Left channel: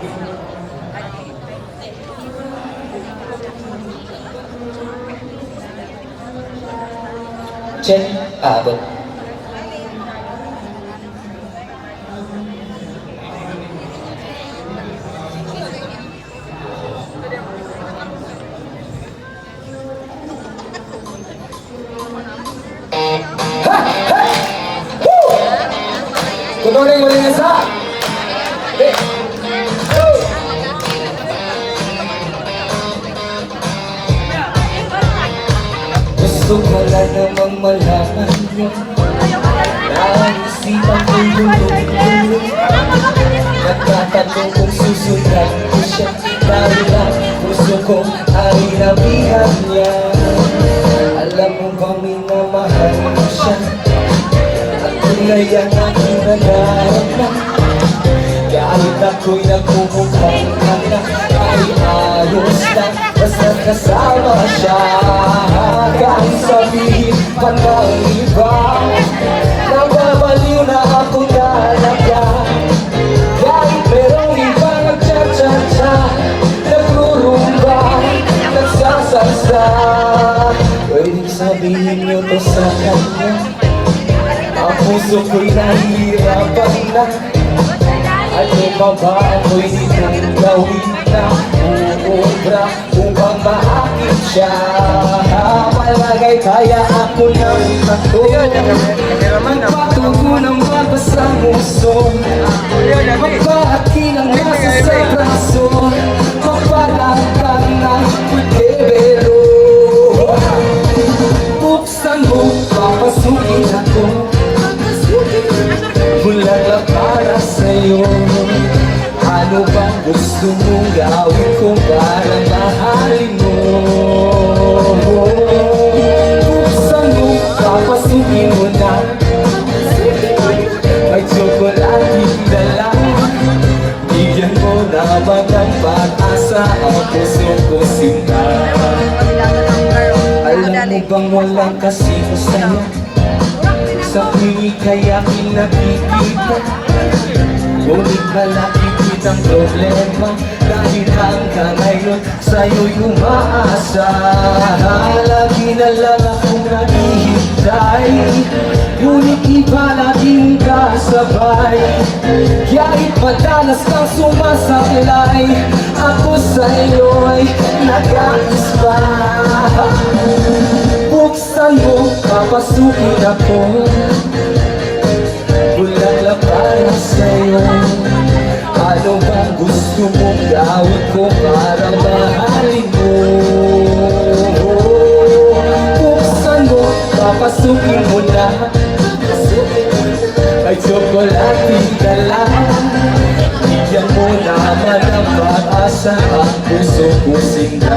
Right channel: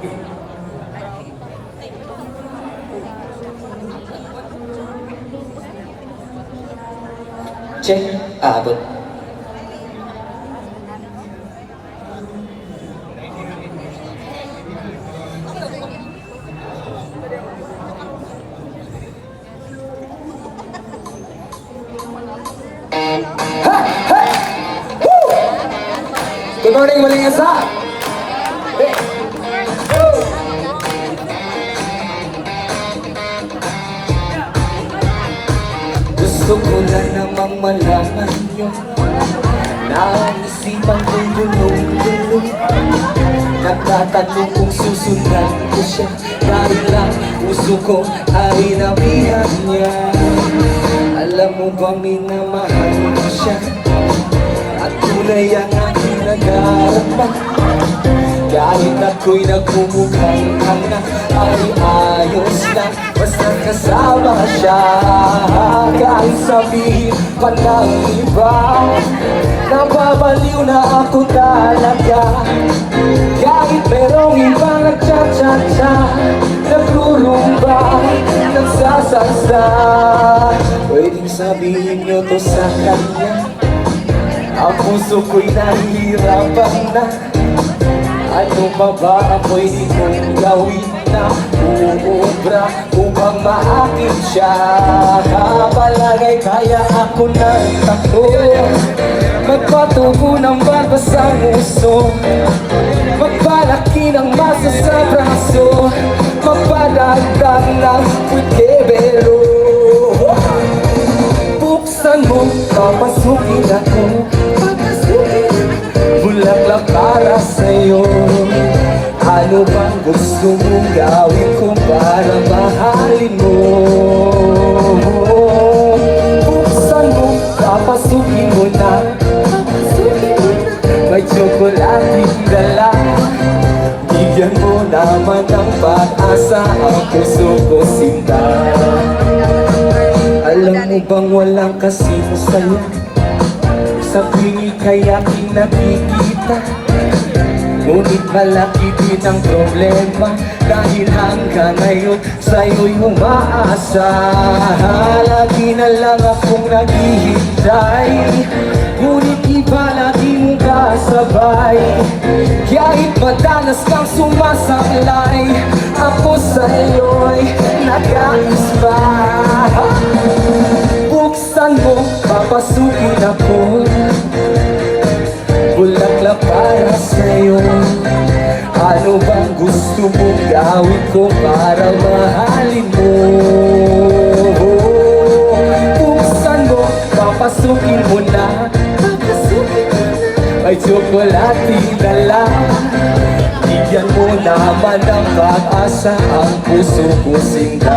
Jen Abot. Good morning, Malingansa! Gusto ko na namang malaman niyo naisipan ko'y gulong-gulong. Nagtatanong kung susundan ko siya dahil lang gusto ko ay namihan niya. Alam mo bang minamahal ko siya at kulay ang aking nag-aarap. Kahit ako'y nagmumukhang hanga ay ayos na basta kasama siya. Kahit sabihin pa ng iba nababaliw na ako talaga. Kahit merong iba nagcha-cha-cha, nagrurumba, nagsasalsa, pwedeng sabihin nyo to sa kanya. Ang puso ko'y nahihirapan na. Ano pa ba ako'y itong gawin na uubra upang maakit siya? Palagi kaya ako ng tako, magpatugo ng bata sa muso, magpalaki ng masa sa braso, magpadagdag ng putebelo. Buksan mo, papasukin ako, bulala para sa'yo. Ano bang gusto mong gawin ko para mahalin mo? Buksan mo, papasukin mo na, may tsokolating dala. Bigyan mo naman ng pag-asa ang puso ko sinta. Alam mo bang walang kasing sa'yo sa pinig kaya kinakikita? Ngunit malaki din ang problema kahit hanggang ngayon sa'yo'y umaasa. Lagi na lang akong naghihintay, ngunit iba lagi mong kasabay. Kahit madalas kang sumasablay, ako sa'yo'y nag-aisma. Buksan mo, papasukin ako, bulaklak para sa'yo. Ano bang gusto mong gawin ko para mahalin mo? Buksan mo, papasukin mo na, may tsokolating dala. Bigyan mo naman ng pag-asa ang puso ko sinta.